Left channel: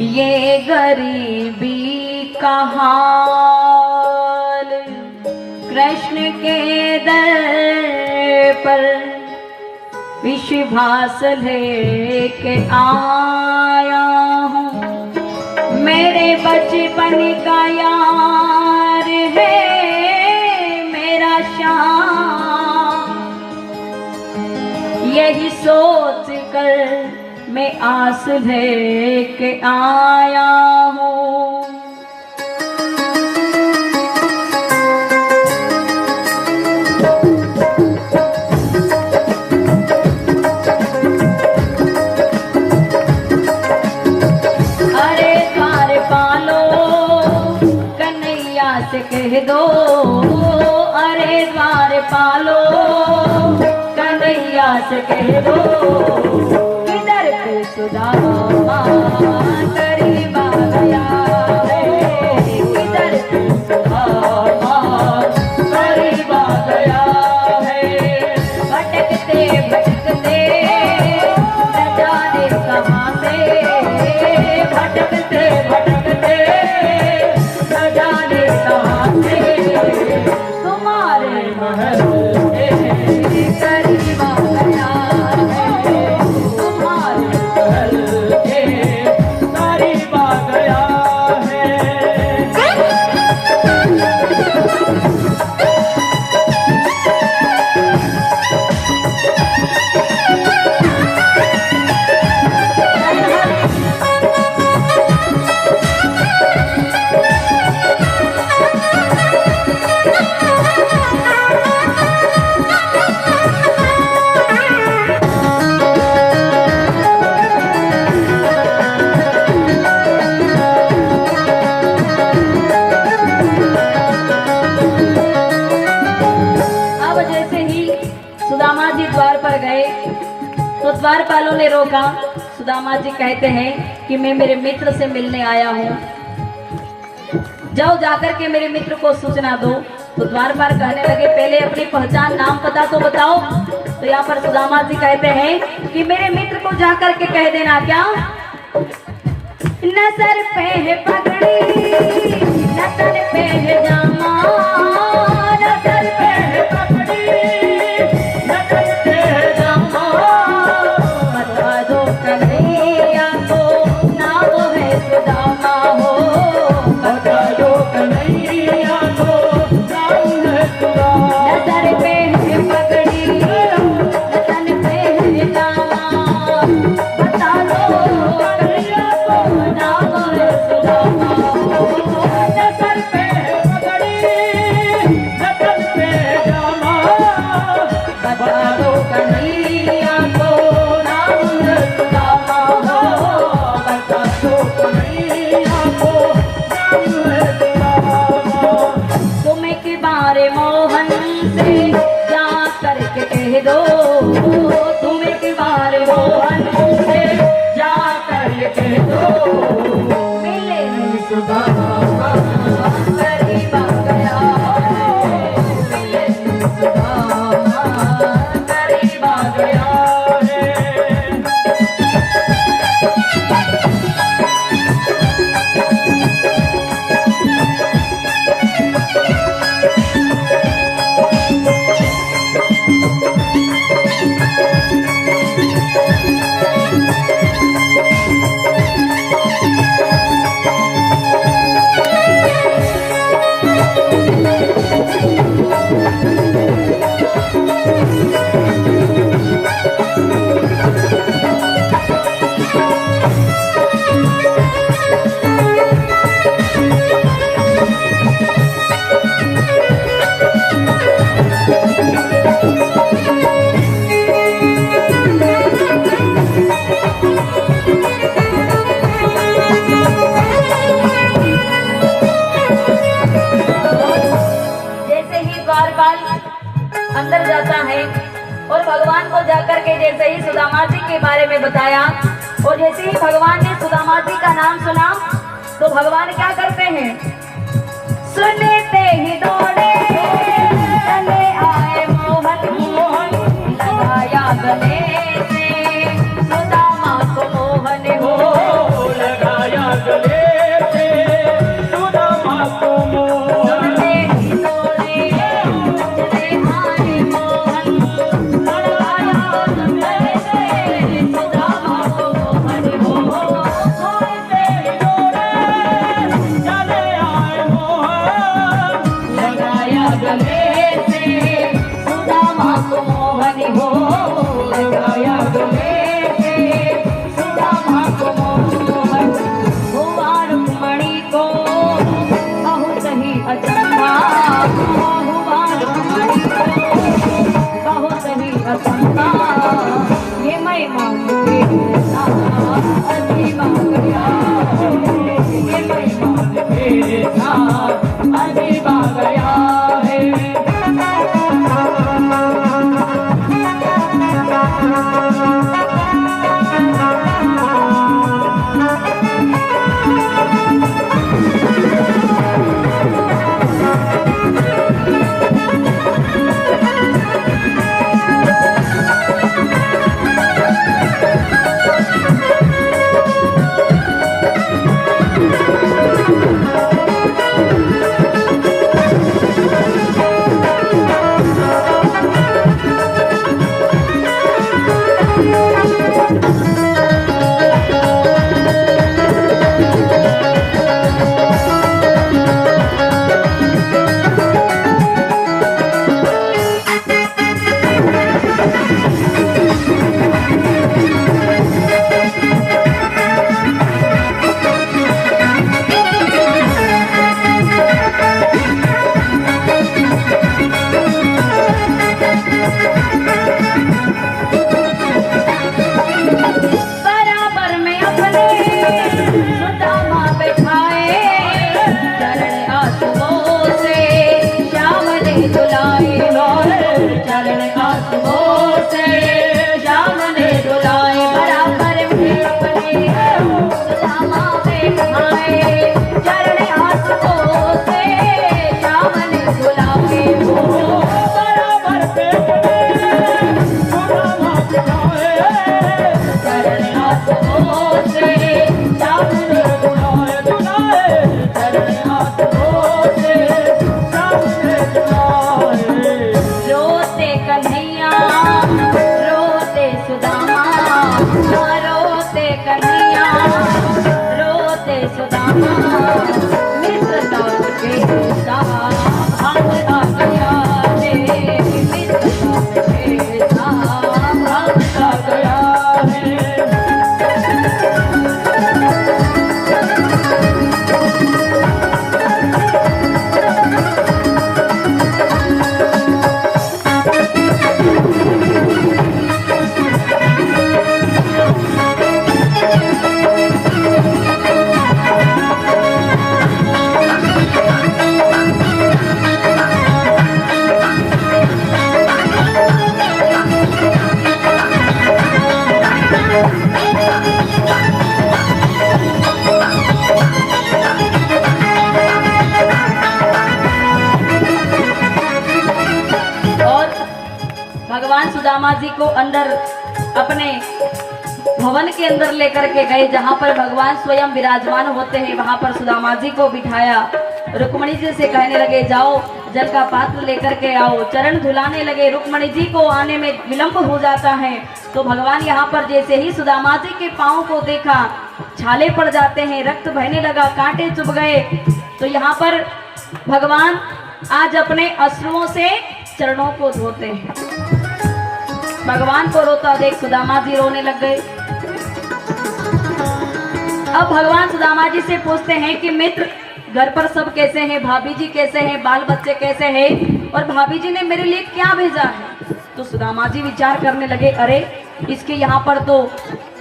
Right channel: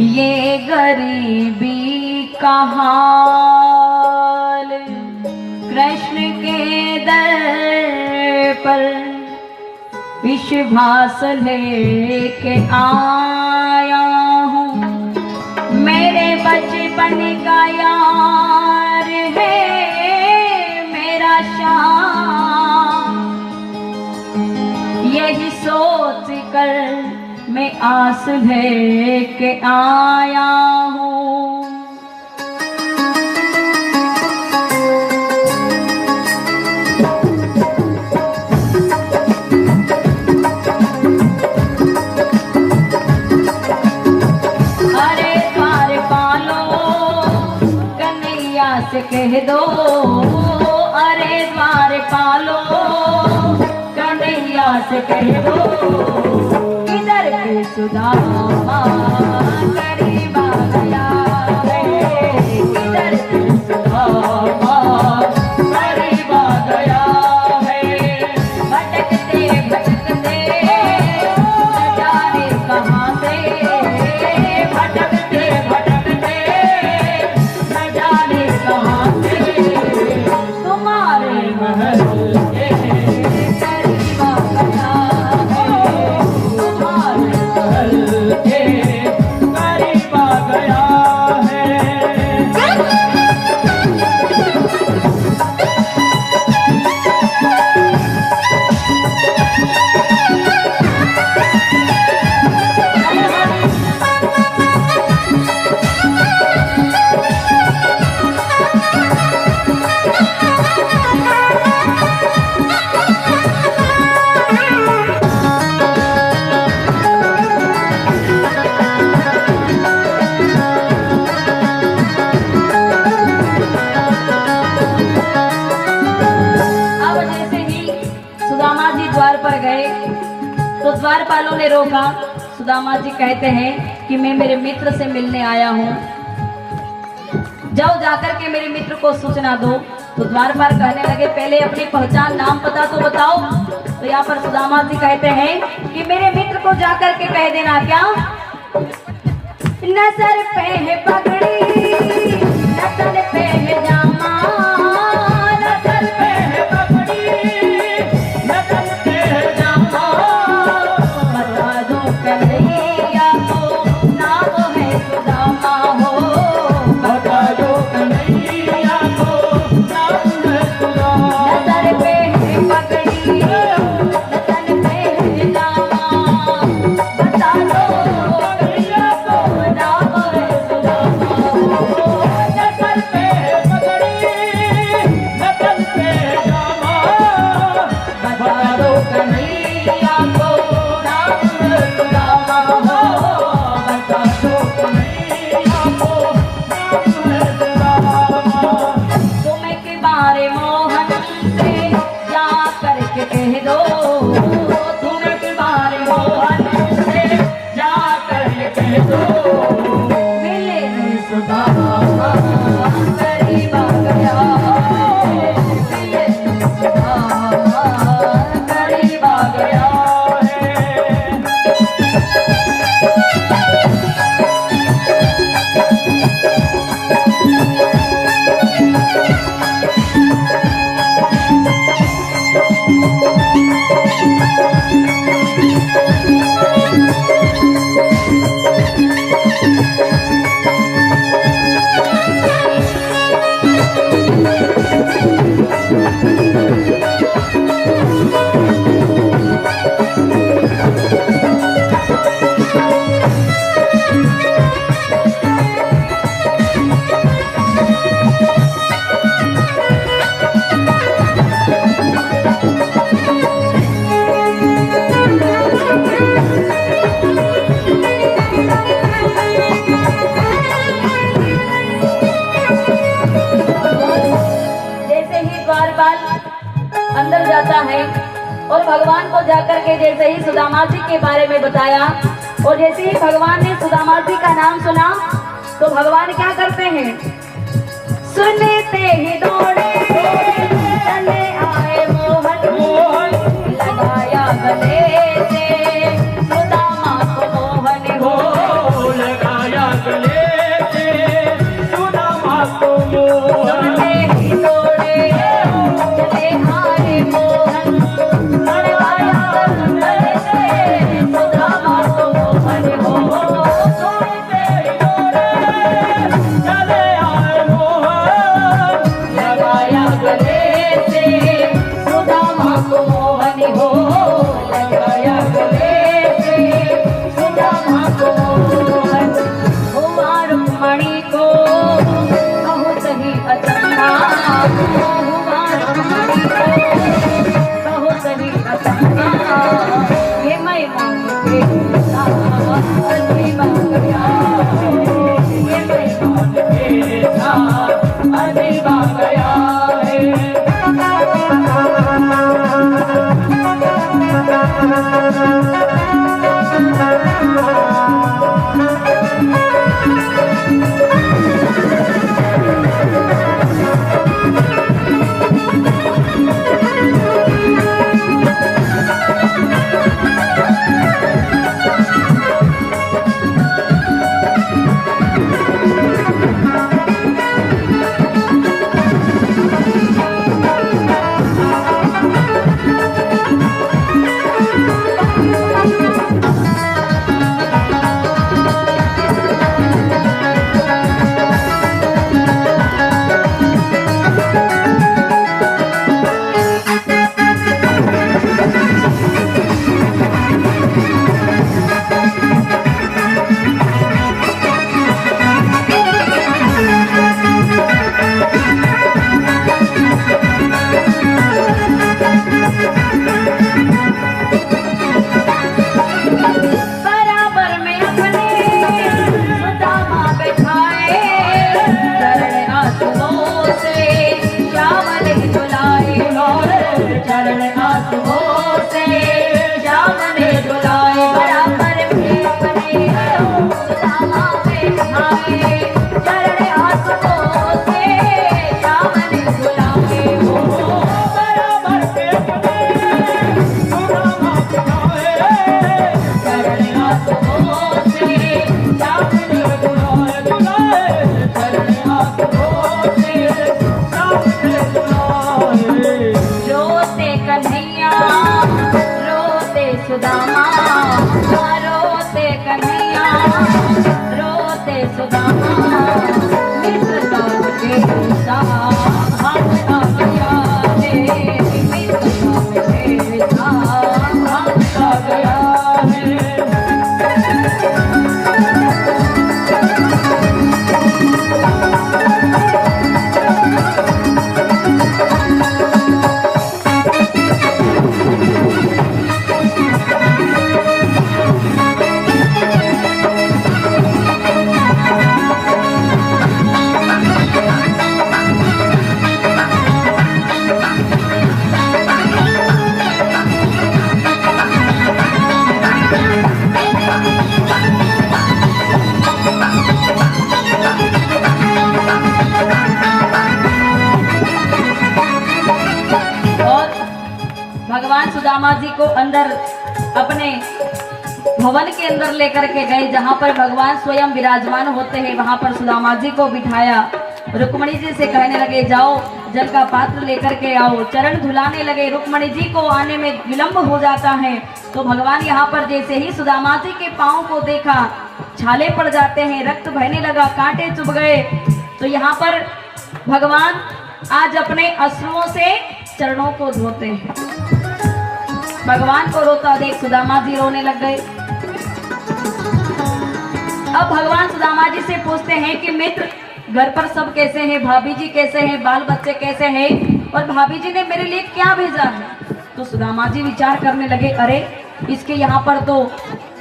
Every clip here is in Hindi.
ये गरीबी का हाल कृष्ण के दर पर विश्वास लेके आया हूँ। मेरे बचपन का यार है मेरा श्याम, यही सोच कर मैं आस लेके आया हूँ। अरे द्वार पालो कन्हैया से कह दो, अरे द्वार पालो कन्हैया से कह दो, सुदामा करीब आ गया है, इधर सुदामा करीब आ गया है। भटकते भटकते न जाने कहाँ से, भटकते भटकते न जाने कहाँ से, तुम्हारे महल के करीब आ गया है, तुम्हारे तो द्वारपालों ने रोका। सुदामा जी कहते हैं कि मैं मेरे मित्र से मिलने आया हूँ, जाओ जाकर के मेरे मित्र को सूचना दो। तो द्वारपाल कहने लगे पहले अपनी पहचान नाम पता तो बताओ। तो यहाँ पर सुदामा जी कहते हैं कि मेरे मित्र को जाकर के कह देना क्या, नजर पे है पगड़ी नजर पे है जामा, नजर पे है पगड़ी नजर पे है जामा, बता दो कन्हैया को नाम है सुदामा हो, बता दो कन्हैया को नाम है सुदामा। नजर पे है पगड़ी नजर पे है जामा, बता दो कन्हैया को नाम है सुदामा हो, नजर पे है पगड़ी नजर पे है जामा, बता दो कन्हैया को नाम है सुदामा हो, बता दो कन्हैया को नाम है सुदामा हो। तुम्हें के बारे मोहन से जा करके कह दो, तुम्हें के बारे मोहन से जा करके कह दो, मिले नहीं सुदामा करीब आ गया है, मिले नहीं सुदामा करीब आ गया है। अंदर जाता है और भगवान को जाकर के जैसे ही सुदामा जी के बारे में बताया और जैसे ही भगवान ने सुदामा जी का नाम सुना तो भगवान क्या करते हैं, सुनते ही दौड़े चले आए मोहन, मोहन लगाया गले से सुदामा को मोहन हो, लगाया मित्र काम के साथ भाव आ गया है, मित्र काम के साथ भाव आ गया है। भगवान सुदामा जी को अंदर अपने भवन के अंदर लेकर के गए, जहाँ पर भगवान स्वयं विराजमान होते हैं। वहाँ पर सुदामा जी को बिठाया, रुक्मणी जी से कहने लगे जाओ जल का पात्र लेकर के आओ। चरण धुलाने लगे, रुक्मणी जी को आने में विलंब हो जाता है। तो भगवान यहाँ पर जैसे ही सुदामा जी के पाँव को देखा, छाले पड़ जाते हैं, रक्त बहने लगा, कांटे चुभ गए। तो यहाँ पर भगवान आज अपने अश्रुओं से चरणों को धोते हैं। भगवान को रोता देख सुदामा जी रोने लग गए। अब भगवान सुदामा जी से पूछते हैं कि मित्र घर पर सब कैसे हैं, भाभी जी कैसे हैं, बाल बच्चे कैसे हैं, और भाभी जी ने मेरे लिए क्या भेजा है। तो सुदामा जी विचार करने लगे, अरे इसके यहाँ पर तो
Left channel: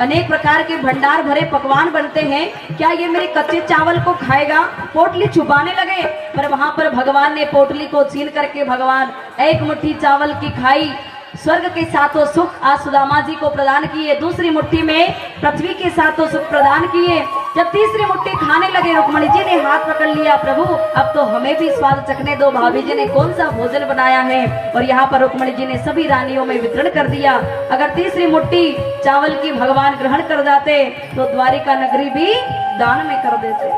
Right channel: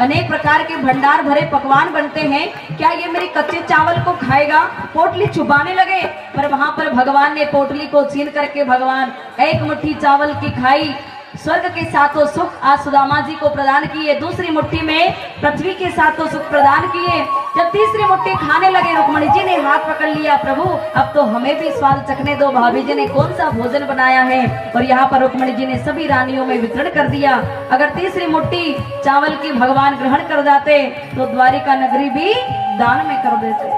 अनेक प्रकार के भंडार भरे पकवान बनते हैं, क्या ये मेरे कच्चे चावल को खाएगा। पोटली छुपाने लगे, पर वहां पर भगवान ने पोटली को छीन करके भगवान एक मुट्ठी चावल की खाई, स्वर्ग के सातों सुख आज सुदामा जी को प्रदान किए। दूसरी मुट्ठी में पृथ्वी के सातों सुख प्रदान किए। जब तीसरी मुट्ठी खाने लगे, रुक्मणी जी ने हाथ पकड़ लिया, प्रभु अब तो हमें भी स्वाद चखने दो, भाभी जी ने कौन सा भोजन बनाया है। और यहाँ पर रुक्मणी जी ने सभी रानियों में वितरण कर दिया। अगर तीसरी मुट्ठी चावल की भगवान ग्रहण कर जाते तो द्वारिका नगरी भी दान में कर देते।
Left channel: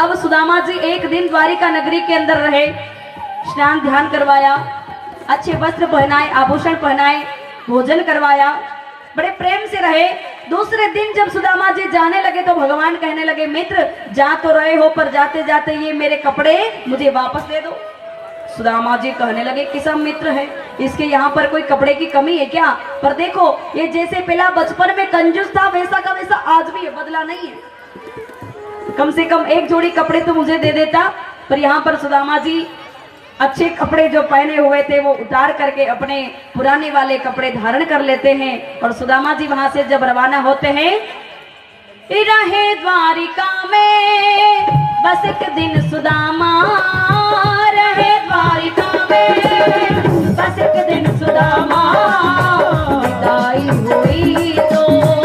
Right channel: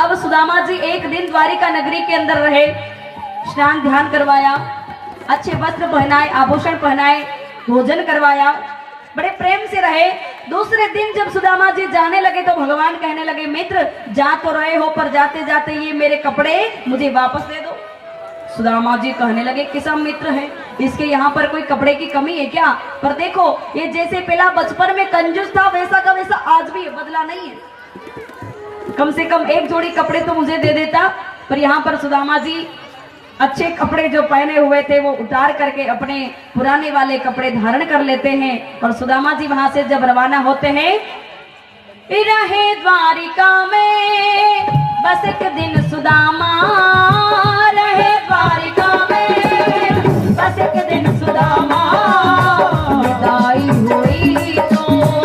अब सुदामा जी एक दिन द्वारिका नगरी के अंदर रहे, स्नान ध्यान करवाया, अच्छे वस्त्र पहनाए, आभूषण पहनाए, भोजन करवाया, बड़े प्रेम से रहे। दूसरे दिन जब सुदामा जी जाने लगे तो भगवान कहने लगे, मित्र जा तो रहे हो पर जाते जाते ये मेरे कपड़े मुझे वापस दे दो। सुदामा जी कहने लगे, किसा मित्र है, इसके यहाँ पर कोई कपड़े की कमी है क्या। पर देखो ये जैसे पहला बचपन में कंजूस था, वैसा का वैसा आज भी है, बदला नहीं है। कम से कम एक जोड़ी कपड़े तो मुझे दे देता। पर यहाँ पर सुदामा जी अच्छे कपड़े जो पहने हुए थे वो उतार करके अपने पुराने वाले कपड़े धारण कर लेते हैं। और सुदामा जी वहां से जब रवाना होते हैं, रहे द्वारिका में बस एक दिन सुदामा, रहे द्वारिका में बस एक दिन सुदामा, विदाई हुई तो